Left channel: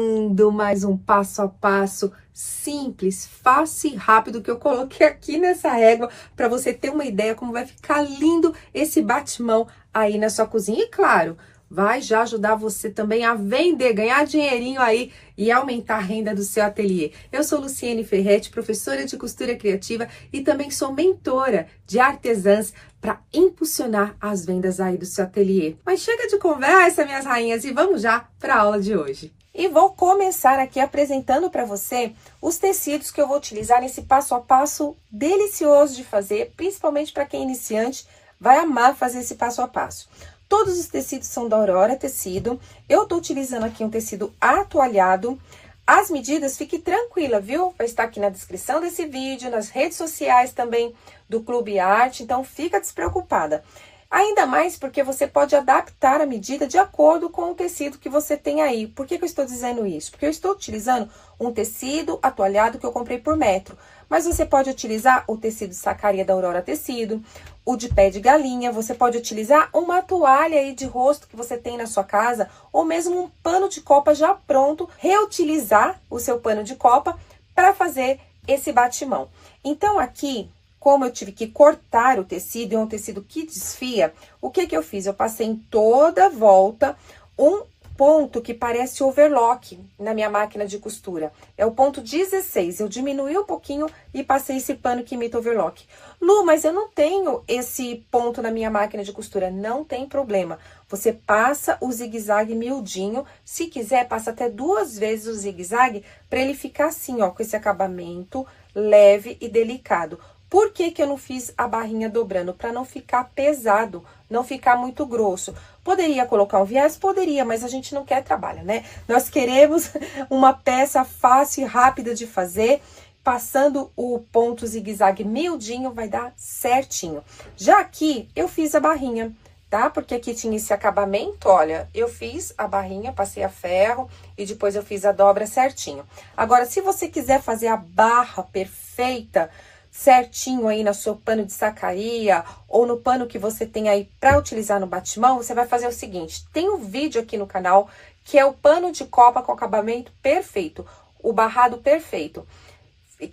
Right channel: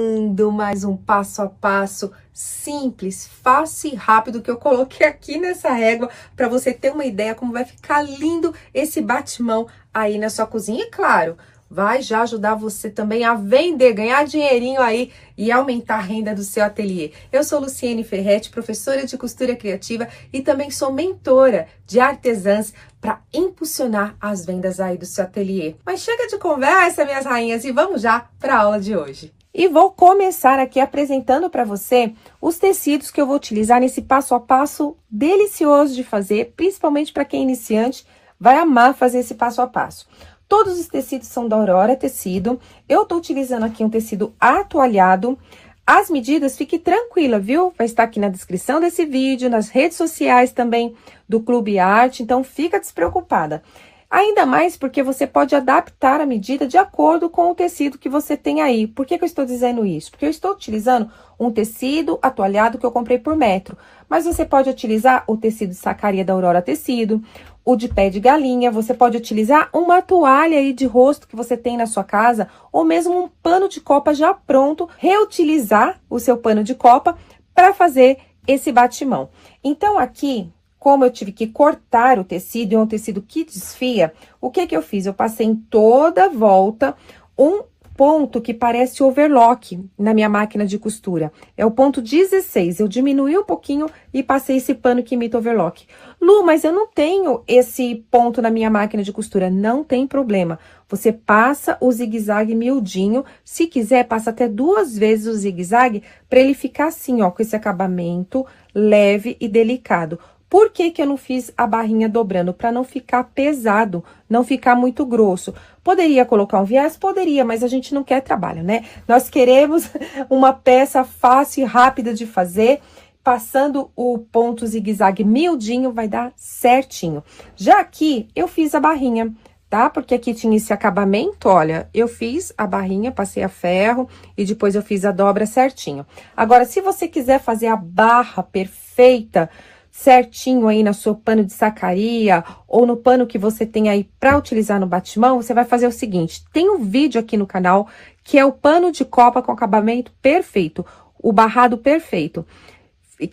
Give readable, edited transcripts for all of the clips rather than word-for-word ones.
começando mais um passo a passo simples, fácil e rápido que eu coloquei aqui nessa régua para você ter uma ideia como vai ficar lindo esse batimão aí na sua cozinha. E claro, vai já ajudar você também a vender, ganhar dinheirinho aí e aumentar a renda do seu ateliê. Eu sou Luciene Ferretti, professora de costura criativa e também sou mentora de artesãs para impulsionar as vendas aí do seu ateliê. Mas chega de conversa, minhas rainhas, e vamos já para a aula de hoje. E vou começar aqui apresentando para você os tecidos que eu vou utilizar nesse passo a passo delicioso de fazer, principalmente para quem é iniciante, vai amar fazer esse passo a passo. Todos os tecidos são da Aurora Tecido. Eu tô utilizando aqui um tecido atoalhado. As medidas, fique tranquila, viu? Vai estar aqui na descrição desse vídeo, nas redes sociais também do Clube Arte, então fica despreocupada. Ainda mais porque você pode adaptar a medida de acordo com o tecido que você tem aí. Por que eu estou dizendo isso? Porque eu estou utilizando um tecido atoalhado que eu comprei por metro. Mas você pode utilizar o tecido de sacaria da Aurora Tecido, o de pé de galinha, você pode utilizar uma toalha aí de rosto que você tem na sua casa, ou mesmo um pano de copa já pronto, reutilizar o seu pano de copa para fazer esse batimão. Então, aqui, como eu tive que cortar o tecido, e é um tecido que desfia, o que eu fiz? Eu passei em toda a volta um ponto que parece overlock na minha máquina de costura. É o ponto 16, eu diminuí um pouquinho e passei esse pano que imita overlock. Lu, mas eu não tenho esse ponto na minha máquina de costura. Não tem problema. Você passa o zigue-zague miudinho. Se quiser, passa até 2 vezes o zigue-zague para ele ficar assim, ó, com esse acabamento leve e delicado. Por que eu não fiz a barrinha dobrando? Para não ficar pesado, não ficar muito grosso. Poderia colocar um viés? Poderia, mas a gente não quer trabalho, né? Nós queremos uma peça fácil e rápida de fazer. Passando o ponto zigue-zague miudinho, vai dar certinho. Já aqui, eu fiz a barrinha, tá? Porque aqui tinha esse acabamento, olha, eu fiz a barrinha, passei a ferro e depois eu fiz a dobra certinho. Agora, se você quiser fazer a barra perfeita, certinho aí no seu pano de sacaria ou no pano que você tem aí para utilizar no batimão, você vai fazer o seguinte, tem um vídeo aqui no canal que é o pano de copa com acabamento perfeito, o barrado perfeito,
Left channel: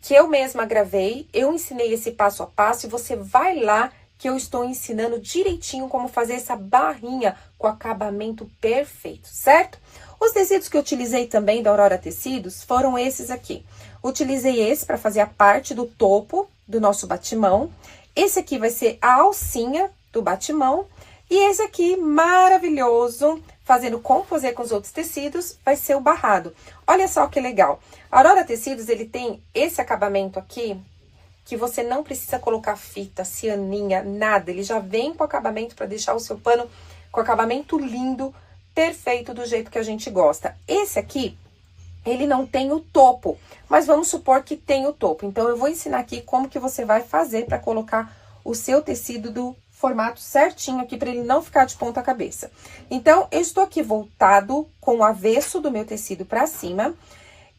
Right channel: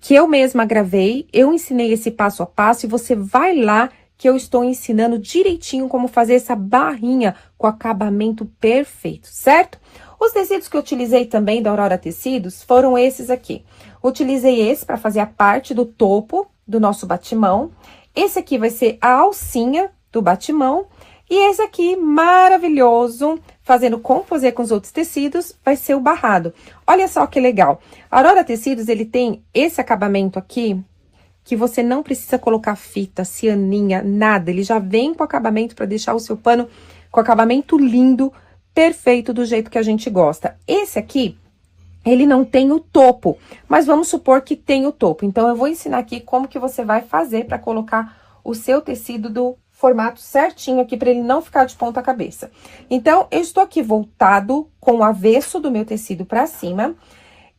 que eu mesma gravei, eu ensinei esse passo a passo e você vai lá que eu estou ensinando direitinho como fazer essa barrinha com acabamento perfeito, certo? Os tecidos que eu utilizei também da Aurora Tecidos foram esses aqui. Utilizei esse para fazer a parte do topo do nosso batimão. Esse aqui vai ser a alcinha do batimão. E esse aqui, maravilhoso, fazendo composê com os outros tecidos, vai ser o barrado. Olha só que legal. A Aurora Tecidos, ele tem esse acabamento aqui, que você não precisa colocar fita, cianinha, nada. Ele já vem com acabamento para deixar o seu pano com acabamento lindo, perfeito, do jeito que a gente gosta. Esse aqui, ele não tem o topo, mas vamos supor que tem o topo. Então, eu vou ensinar aqui como que você vai fazer para colocar o seu tecido do formato certinho aqui, para ele não ficar de ponta cabeça. Então, eu estou aqui voltado com o avesso do meu tecido para cima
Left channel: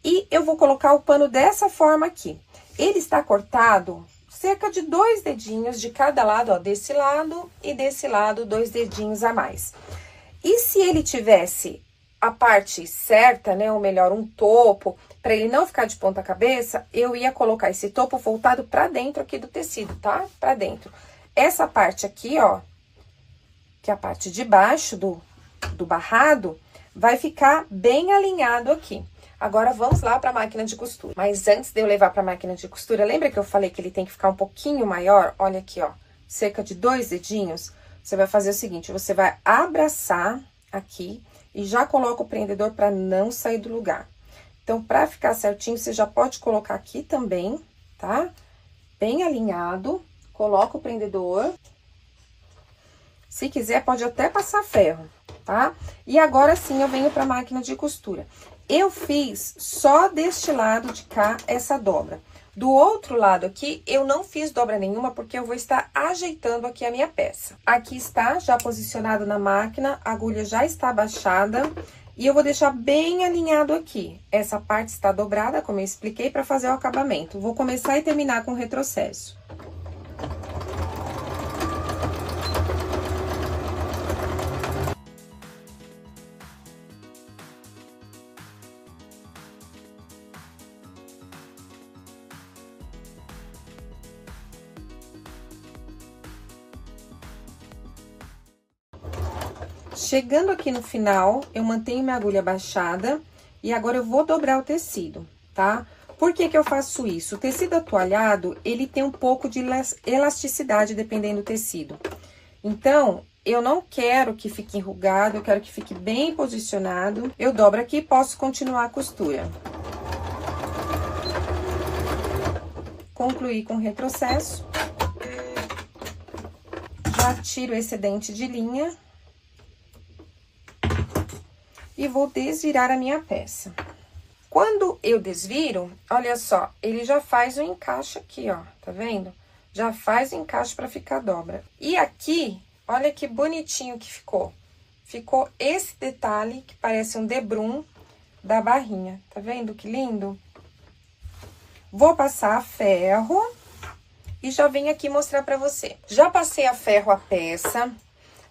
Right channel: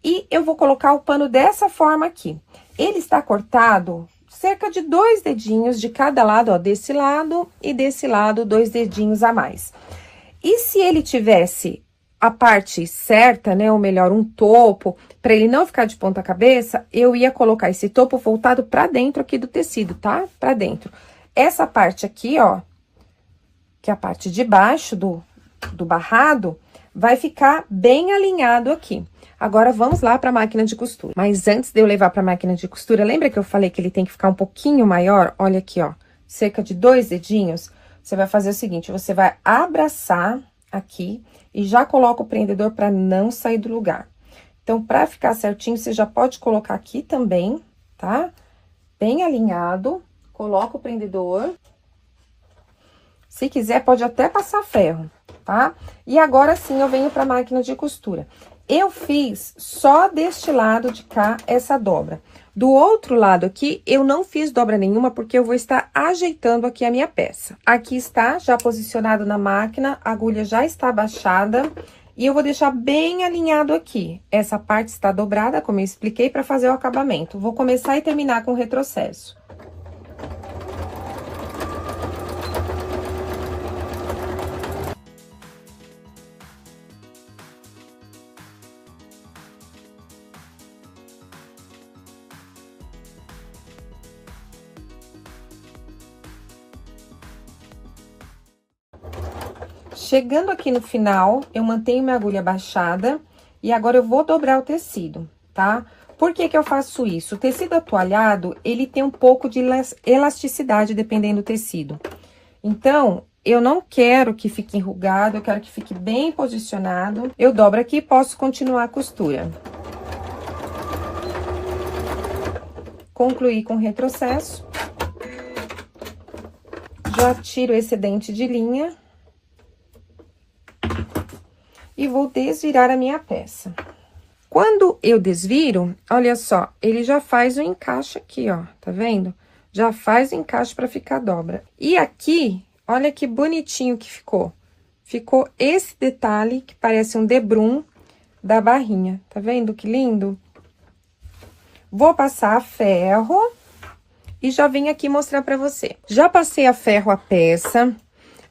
e eu vou colocar o pano dessa forma aqui. Ele está cortado cerca de 2 dedinhos de cada lado, ó, desse lado e desse lado, 2 dedinhos a mais. E se ele tivesse a parte certa, né, ou melhor, um topo, para ele não ficar de ponta cabeça, eu ia colocar esse topo voltado para dentro aqui do tecido, tá? Para dentro. Essa parte aqui, ó, que é a parte de baixo do barrado, vai ficar bem alinhado aqui. Agora, vamos lá para a máquina de costura. Mas antes de eu levar para a máquina de costura, lembra que eu falei que ele tem que ficar um pouquinho maior? Olha aqui, ó, cerca de 2 dedinhos. Você vai fazer o seguinte, você vai abraçar aqui e já coloca o prendedor para não sair do lugar. Então, para ficar certinho, você já pode colocar aqui também, tá? Bem alinhado, coloca o prendedor. Se quiser, pode até passar ferro, tá? E agora sim, eu venho para a máquina de costura. Eu fiz só deste lado de cá essa dobra. Do outro lado aqui, eu não fiz dobra nenhuma, porque eu vou estar ajeitando aqui a minha peça. Aqui está, já posicionado na máquina, a agulha já está abaixada. E eu vou deixar bem alinhado aqui. Essa parte está dobrada, como eu expliquei, para fazer o acabamento. Vou começar e terminar com o retrocesso. Chegando aqui no final, eu mantenho minha agulha baixada e agora eu vou dobrar o tecido, tá? Por que que eu faço isso? O tecido atualhado, ele tem um pouco de elasticidade, dependendo do tecido. Então, eu não quero que fique enrugado, eu quero que fique bem posicionado. Eu dobro aqui e posso continuar a costura. Concluí com o retrocesso. Já tiro o excedente de linha. E vou desvirar a minha peça. Quando eu desviro, olha só, ele já faz o encaixe aqui, ó, tá vendo? Já faz o encaixe pra ficar a dobra. E aqui, olha que bonitinho que ficou. Ficou esse detalhe, que parece um debrum da barrinha, tá vendo que lindo? Vou passar a ferro e já venho aqui mostrar pra você. Já passei a ferro a peça,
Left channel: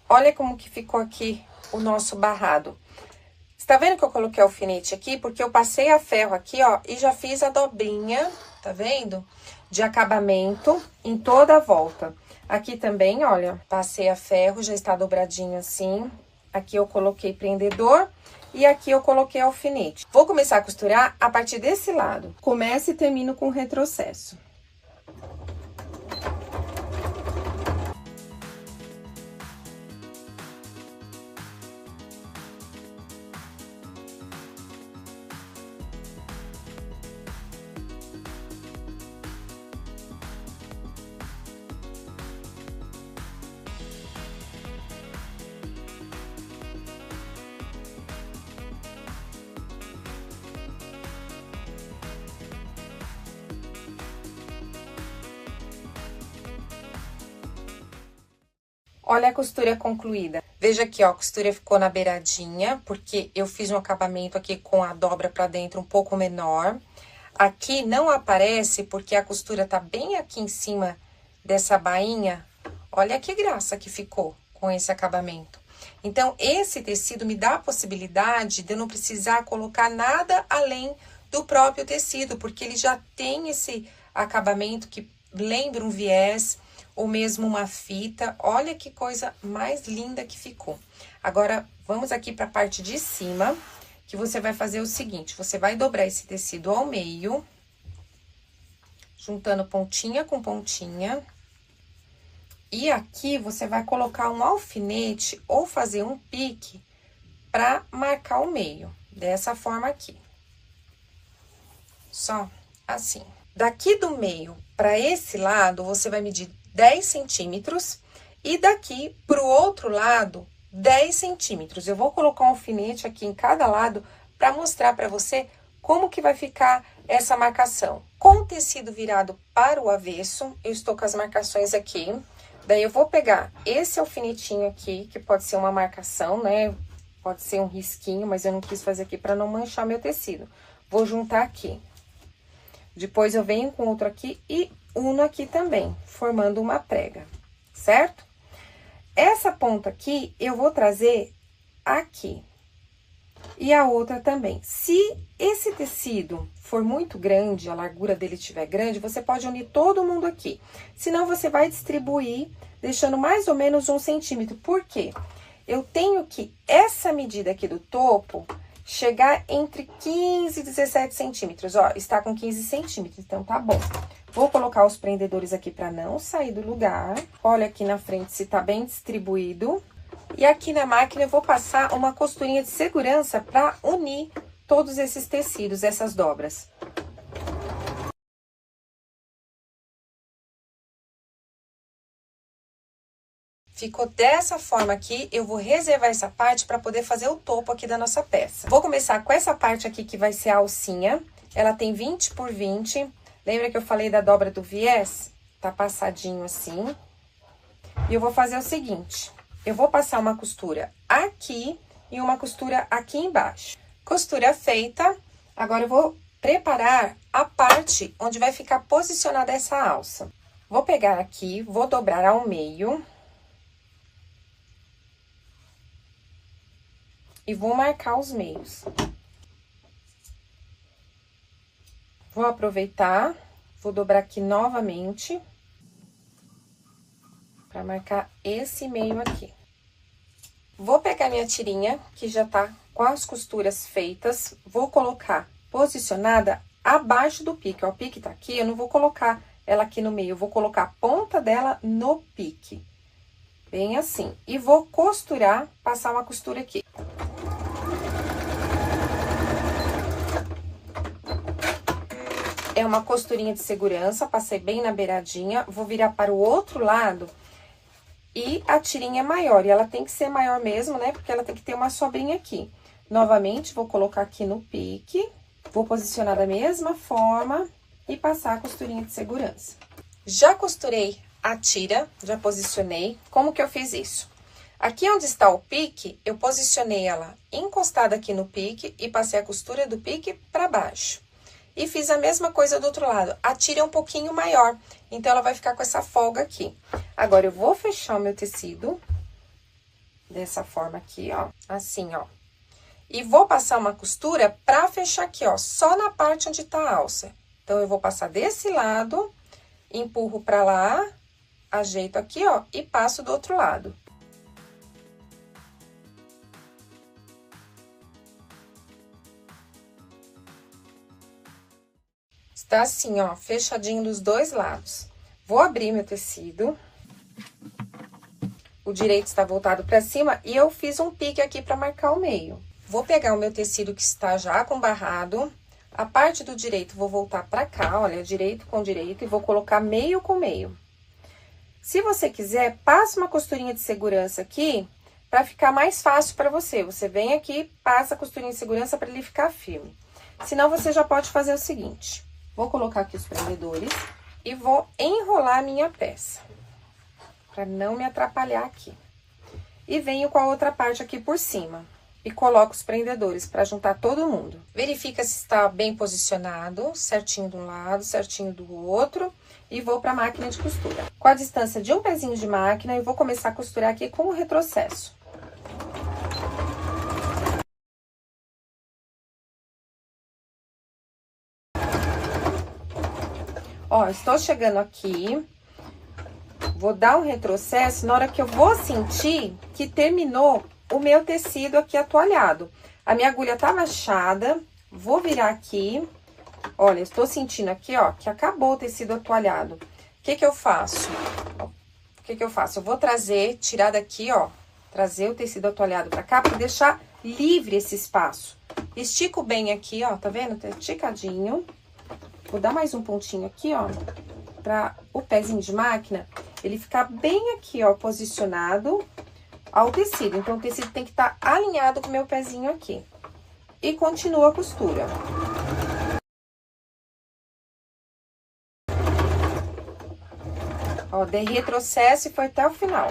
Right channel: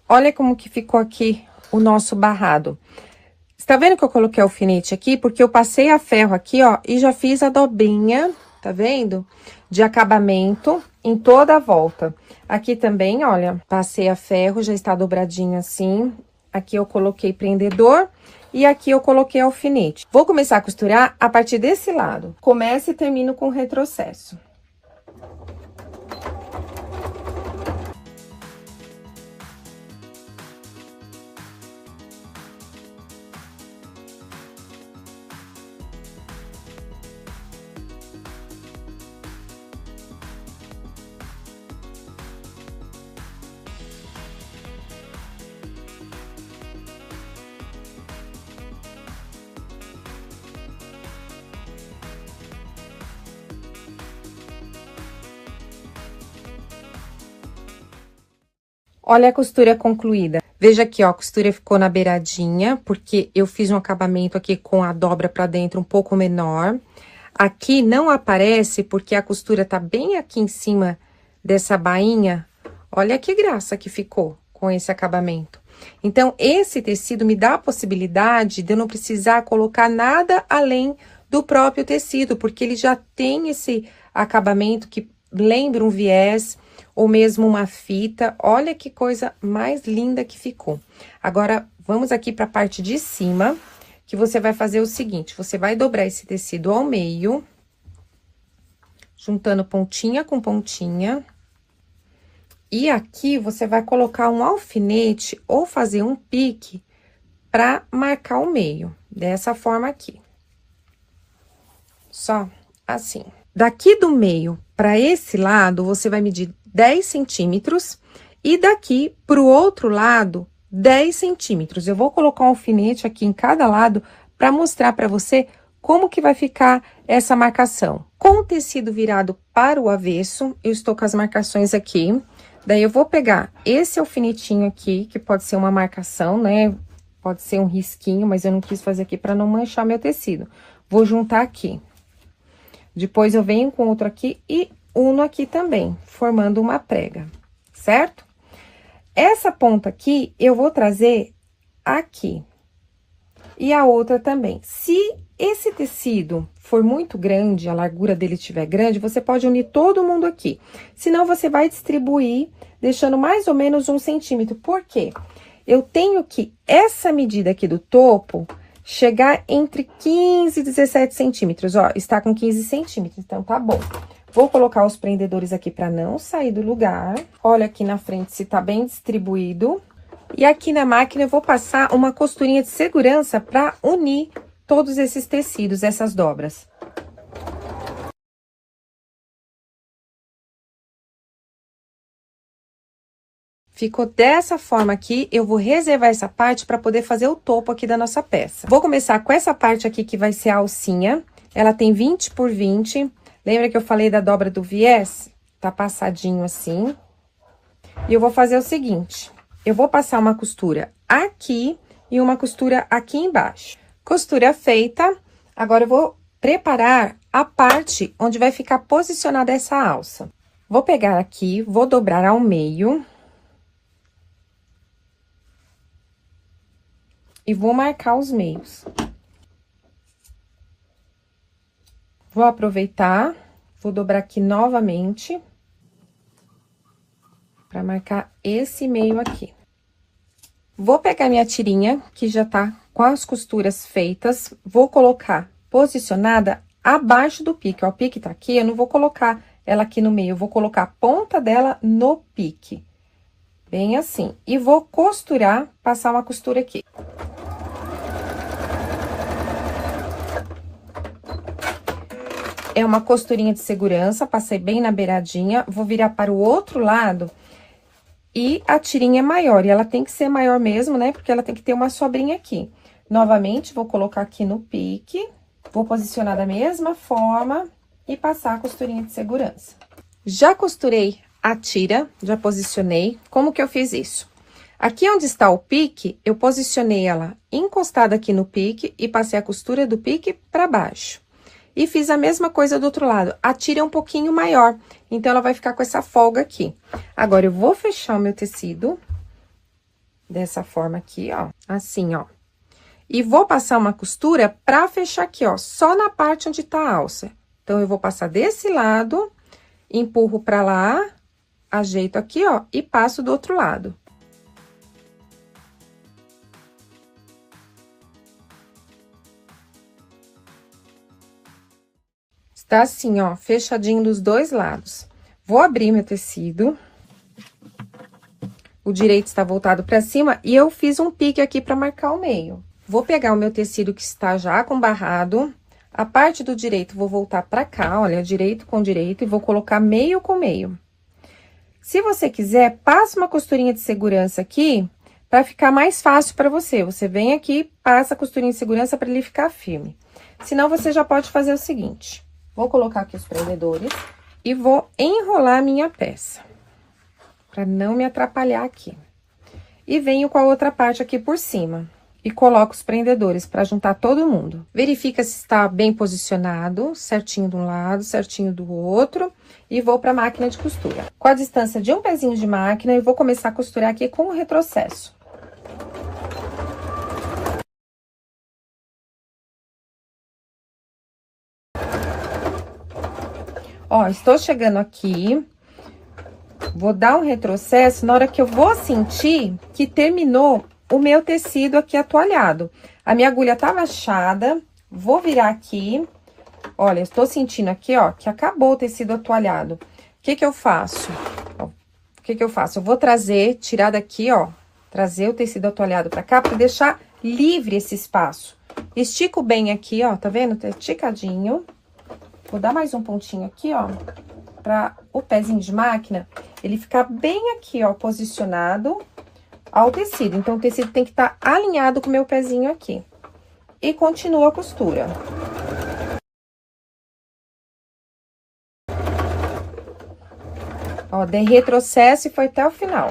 olha como que ficou aqui o nosso barrado. Tá vendo que eu coloquei alfinete aqui? Porque eu passei a ferro aqui, ó, e já fiz a dobrinha, tá vendo? De acabamento em toda a volta. Aqui também, olha, passei a ferro, já está dobradinho assim. Aqui eu coloquei prendedor e aqui eu coloquei alfinete. Vou começar a costurar a partir desse lado. Começo e termino com retrocesso. Olha a costura concluída. Veja aqui, ó, a costura ficou na beiradinha, porque eu fiz um acabamento aqui com a dobra pra dentro um pouco menor. Aqui não aparece, porque a costura tá bem aqui em cima dessa bainha. Olha que graça que ficou com esse acabamento. Então, esse tecido me dá a possibilidade de eu não precisar colocar nada além do próprio tecido, porque ele já tem esse acabamento que lembra um viés ou mesmo uma fita. Olha que coisa mais linda que ficou. Agora, vamos aqui para a parte de cima, que você vai fazer o seguinte, você vai dobrar esse tecido ao meio, juntando pontinha com pontinha. E aqui, você vai colocar um alfinete ou fazer um pique para marcar o meio, dessa forma aqui. Só assim. Daqui do meio para esse lado, você vai medir 10 centímetros e daqui pro outro lado, 10 centímetros. Eu vou colocar um alfinete aqui em cada lado para mostrar para você como que vai ficar essa marcação. Com o tecido virado para o avesso, eu estou com as marcações aqui. Daí, eu vou pegar esse alfinetinho aqui, que pode ser uma marcação, né? Pode ser um risquinho, mas eu não quis fazer aqui para não manchar meu tecido. Vou juntar aqui. Depois, eu venho com outro aqui e uno aqui também, formando uma prega, certo? Essa ponta aqui, eu vou trazer aqui. E a outra também. Se esse tecido for muito grande, a largura dele estiver grande, você pode unir todo mundo aqui. Senão, você vai distribuir, deixando mais ou menos 1 centímetro. Por quê? Eu tenho que essa medida aqui do topo chegar entre 15 e 17 centímetros, ó, está com 15 centímetros, então tá bom. Vou colocar os prendedores aqui para não sair do lugar. Olha aqui na frente se tá bem distribuído. E aqui na máquina eu vou passar uma costurinha de segurança para unir todos esses tecidos, essas dobras. Ficou dessa forma aqui, eu vou reservar essa parte para poder fazer o topo aqui da nossa peça. Vou começar com essa parte aqui que vai ser a alcinha. Ela tem 20 por 20. Lembra que eu falei da dobra do viés? Tá passadinho assim. E eu vou fazer o seguinte, eu vou passar uma costura aqui e uma costura aqui embaixo. Costura feita, agora eu vou preparar a parte onde vai ficar posicionada essa alça. Vou pegar aqui, vou dobrar ao meio. E vou marcar os meios. Vou aproveitar, vou dobrar aqui novamente, para marcar esse meio aqui. Vou pegar minha tirinha, que já tá com as costuras feitas, vou colocar posicionada abaixo do pique, ó, o pique tá aqui, eu não vou colocar ela aqui no meio, eu vou colocar a ponta dela no pique, bem assim, e vou costurar, passar uma costura aqui. É uma costurinha de segurança, passei bem na beiradinha, vou virar para o outro lado. E a tirinha é maior, e ela tem que ser maior mesmo, né? Porque ela tem que ter uma sobrinha aqui. Novamente, vou colocar aqui no pique, vou posicionar da mesma forma e passar a costurinha de segurança. Já costurei a tira, já posicionei. Como que eu fiz isso? Aqui onde está o pique, eu posicionei ela encostada aqui no pique e passei a costura do pique para baixo. E fiz a mesma coisa do outro lado. A tira é um pouquinho maior, então ela vai ficar com essa folga aqui. Agora, eu vou fechar o meu tecido dessa forma aqui, ó, assim, ó. E vou passar uma costura pra fechar aqui, ó, só na parte onde tá a alça. Então, eu vou passar desse lado, empurro pra lá, ajeito aqui, ó, e passo do outro lado. Tá assim, ó, fechadinho dos dois lados. Vou abrir meu tecido. O direito está voltado pra cima e eu fiz um pique aqui pra marcar o meio. Vou pegar o meu tecido que está já com barrado. A parte do direito vou voltar pra cá, olha, direito com direito, e vou colocar meio com meio. Se você quiser, passa uma costurinha de segurança aqui pra ficar mais fácil pra você. Você vem aqui, passa a costurinha de segurança pra ele ficar firme. Senão, você já pode fazer o seguinte. Vou colocar aqui os prendedores e vou enrolar a minha peça, pra não me atrapalhar aqui. E venho com a outra parte aqui por cima e coloco os prendedores pra juntar todo mundo. Verifica se está bem posicionado, certinho de um lado, certinho do outro, e vou pra máquina de costura. Com a distância de um pezinho de máquina, eu vou começar a costurar aqui com o retrocesso. Ó, estou chegando aqui, vou dar um retrocesso na hora que eu vou sentir que terminou o meu tecido aqui atoalhado. A minha agulha tá baixada, vou virar aqui, olha, estou sentindo aqui, ó, que acabou o tecido atoalhado. O que que eu faço? O que que eu faço? Eu vou trazer, tirar daqui, ó, trazer o tecido atoalhado pra cá, pra deixar livre esse espaço. Estico bem aqui, ó, tá vendo? Tá esticadinho. Vou dar mais um pontinho aqui, ó, pra o pezinho de máquina, ele ficar bem aqui, ó, posicionado ao tecido. Então, o tecido tem que estar alinhado com o meu pezinho aqui. E continuo a costura. Ó, dei retrocesso e foi até o final.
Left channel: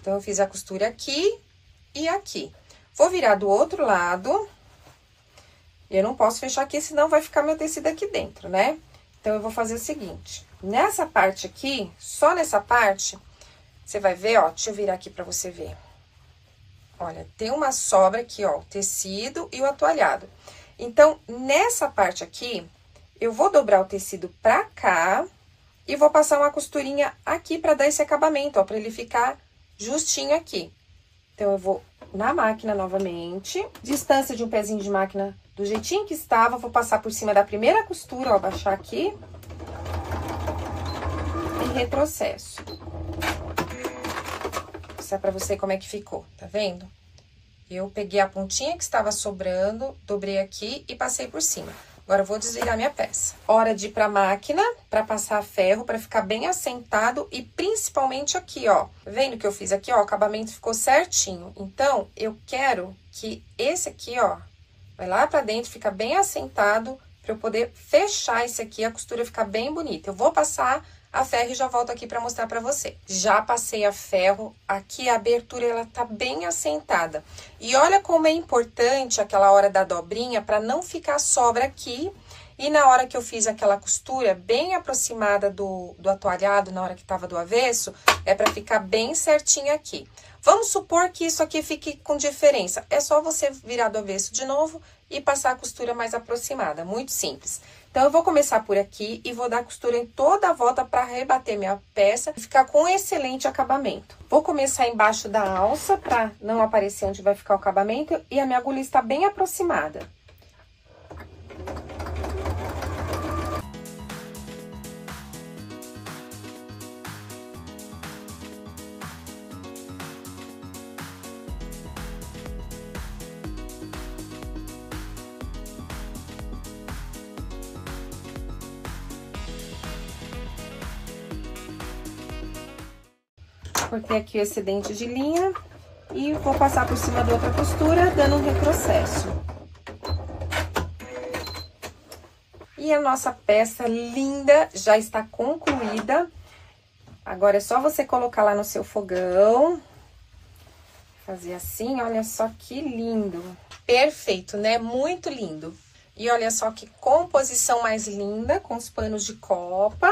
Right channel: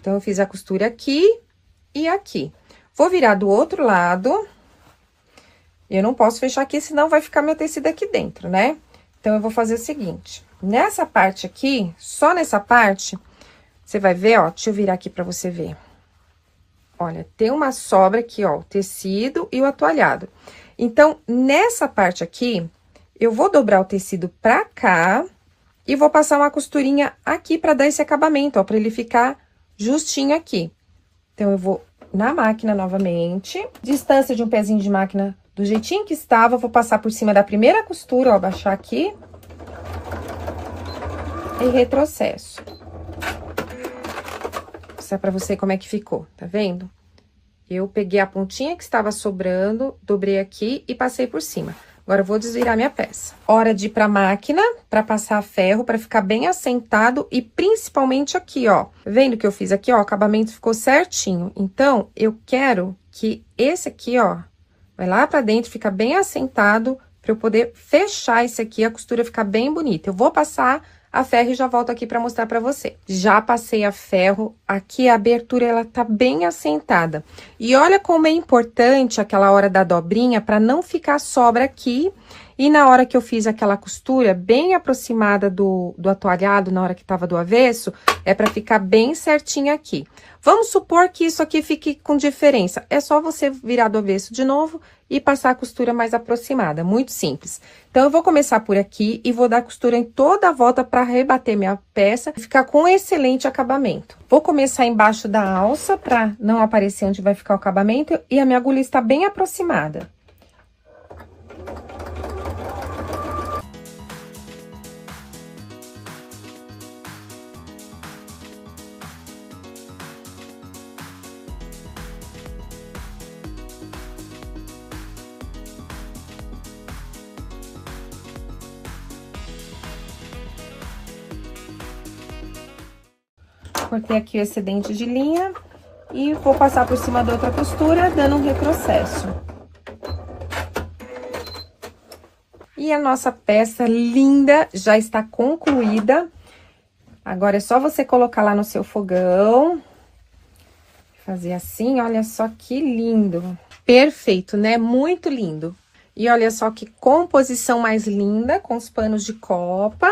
Então, eu fiz a costura aqui e aqui. Vou virar do outro lado. Eu não posso fechar aqui, senão vai ficar meu tecido aqui dentro, né? Então, eu vou fazer o seguinte. Nessa parte aqui, só nessa parte, você vai ver, ó, deixa eu virar aqui pra você ver. Olha, tem uma sobra aqui, ó, o tecido e o atoalhado. Então, nessa parte aqui, eu vou dobrar o tecido pra cá e vou passar uma costurinha aqui pra dar esse acabamento, ó, pra ele ficar justinho aqui. Então, eu vou na máquina novamente, distância de um pezinho de máquina do jeitinho que estava, vou passar por cima da primeira costura, ó, baixar aqui. E retrocesso. Vou mostrar pra você como é que ficou, tá vendo? Eu peguei a pontinha que estava sobrando, dobrei aqui e passei por cima. Agora, eu vou desvirar minha peça. Hora de ir pra máquina, pra passar ferro, pra ficar bem assentado e principalmente aqui, ó. Vendo que eu fiz aqui, ó, o acabamento ficou certinho. Então, eu quero que esse aqui, ó, vai lá pra dentro, fica bem assentado, pra eu poder fechar esse aqui, a costura ficar bem bonita. Eu vou passar a ferro e já volto aqui pra mostrar pra você. Já passei a ferro, aqui a abertura, ela tá bem assentada. E olha como é importante aquela hora da dobrinha, pra não ficar sobra aqui. E na hora que eu fiz aquela costura bem aproximada do atoalhado, na hora que tava do avesso, é pra ficar bem certinho aqui. Vamos supor que isso aqui fique com diferença. É só você virar do avesso de novo e passar a costura mais aproximada, muito simples. Então, eu vou começar por aqui e vou dar costura em toda a volta para rebater minha peça e ficar com excelente acabamento. Vou começar embaixo da alça para não aparecer onde vai ficar o acabamento e a minha agulha está bem aproximada. Cortei aqui o excedente de linha e vou passar por cima da outra costura, dando um retrocesso. E a nossa peça linda já está concluída. Agora é só você colocar lá no seu fogão. Fazer assim, olha só que lindo. Perfeito, né? Muito lindo. E olha só que composição mais linda, com os panos de copa.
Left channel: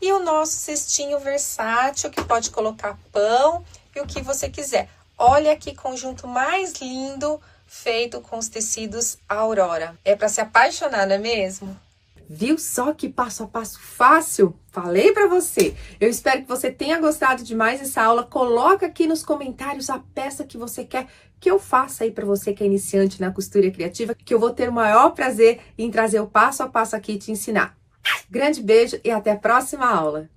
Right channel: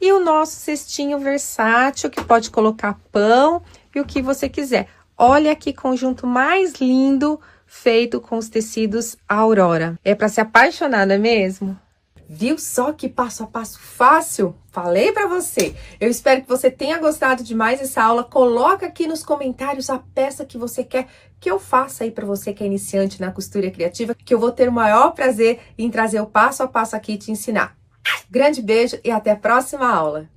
E o nosso cestinho versátil, que pode colocar pão e o que você quiser. Olha que conjunto mais lindo, feito com os tecidos Aurora. É para se apaixonar, não é mesmo? Viu só que passo a passo fácil? Falei pra você. Eu espero que você tenha gostado demais dessa aula. Coloca aqui nos comentários a peça que você quer que eu faça aí pra você que é iniciante na costura criativa, que eu vou ter o maior prazer em trazer o passo a passo aqui e te ensinar. Grande beijo e até a próxima aula!